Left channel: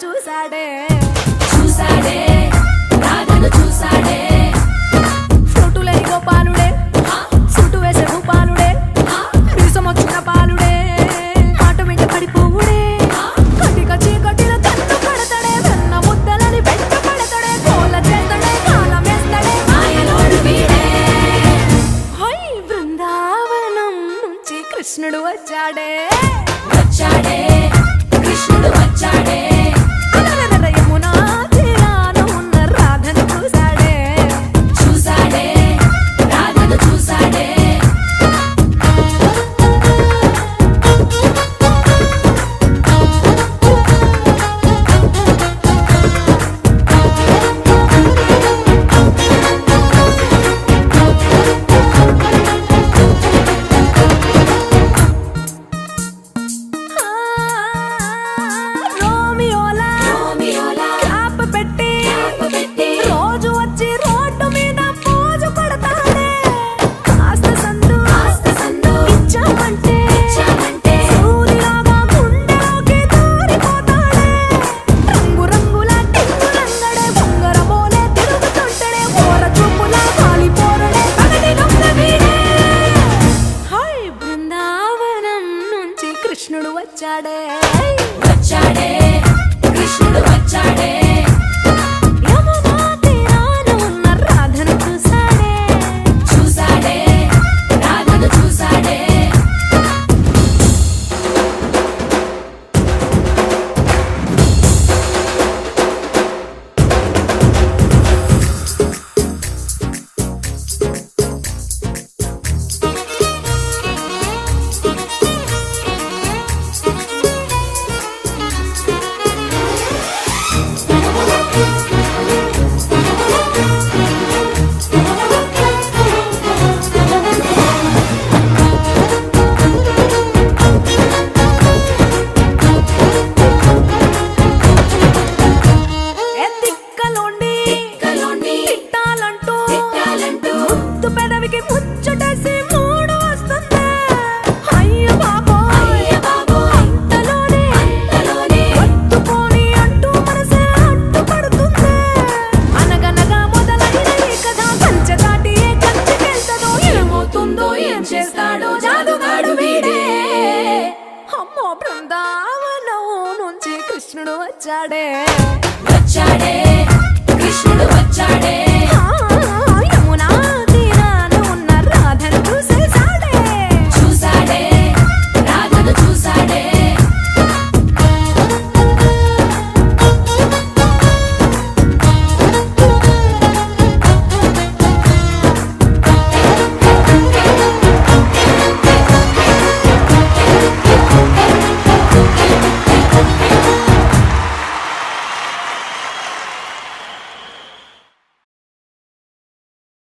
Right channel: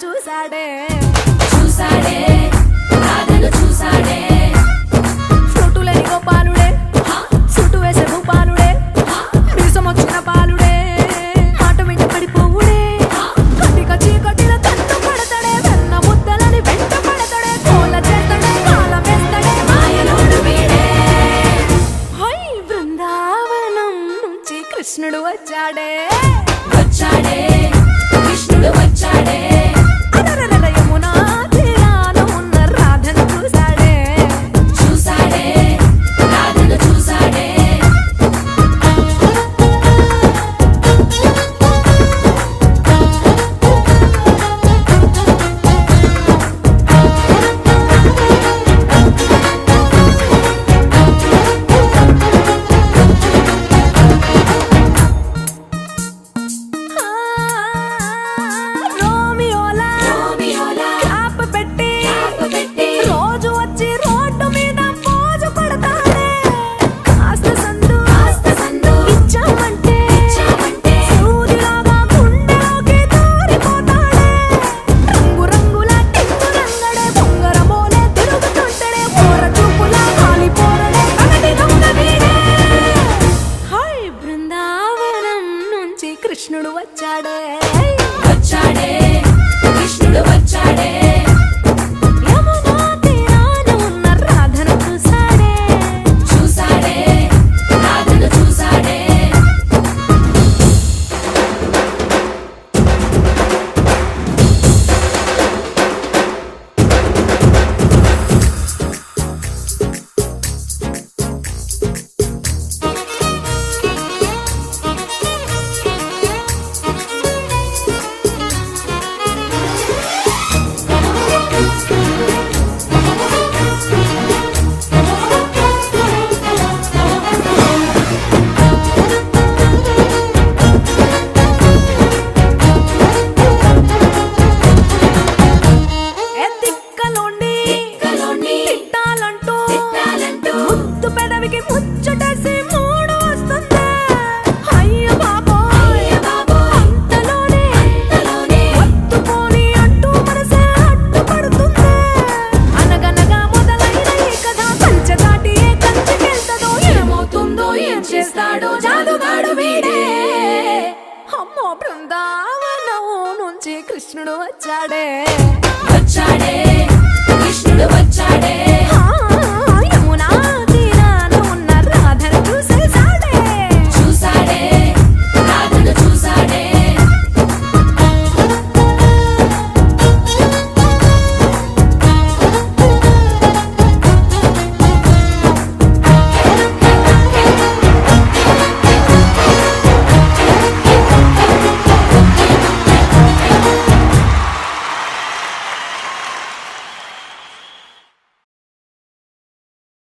చూసాడే చూసాడే రాధను చూసాడే ఫ్లూటులేని గోపాలుడే సూటు వేసే భూపాలుడే మీసమొచ్చిన పాలుడే మాట వెంట పడిపోవుడే కటిక చీకటిల కన్ను పడతాడే వెన్న ముద్దలని వెంట పడతాడే కోల చేస్తాడే కాలమేస్తాడే మాయలోడు వీడే హై బృందావనం నుంచి కృష్ణుడు వచ్చాడే వచ్చాడే కృష్ణుడు వచ్చాడే అలరల యమునా తీరాన ఉన్న రాధను చూసాడే చూసాడే రాధను చూసాడే ఆ, రోమియోలా రోమియోలా క్లాప్ పెట్టి పెట్టి రోజు వచ్చి రోడ్డు మీద పోజు కొడతాడే కాస్త సందు సందు ఇచ్చామంటే ఇచ్చామంటే సూదిలాగా గుండెలోకి దూరిపోతాడే రంగు రంగుల టింగు రంగడే బొంగరమోలే తిరుగుతుంటడే ఓర చూపులా గాలి పోరడే పగటి దొంగ వీడే హై బృందావనం నుంచి కృష్ణుడు వచ్చాడే వచ్చాడే కృష్ణుడు వచ్చాడే యమునా తీరాన ఉన్న రాధను చూసాడే చూసాడే రాధను చూసాడే ఎత్తిక్కలోండి కలోండి తిట్టాలంటూ తిట్టాలంటూ ముద్దు పెదవికి ముచ్చటేసి మూడు వస్తుంది అయ్య బాబోయ్ అంతలోనే కలోనే వత్తుకోని అంటూ మనసే అడ్డుపడుతుంది అనగనగా మొదలైన ఈ కథ కంచె దాటి ఏ కంచెకెళ్తదో ఏమవుతుందో ఏం చేస్తాడో జాదుగాడు వీడే అమ్మో బృందావనం నుంచి కృష్ణుడు వచ్చాడే వచ్చాడే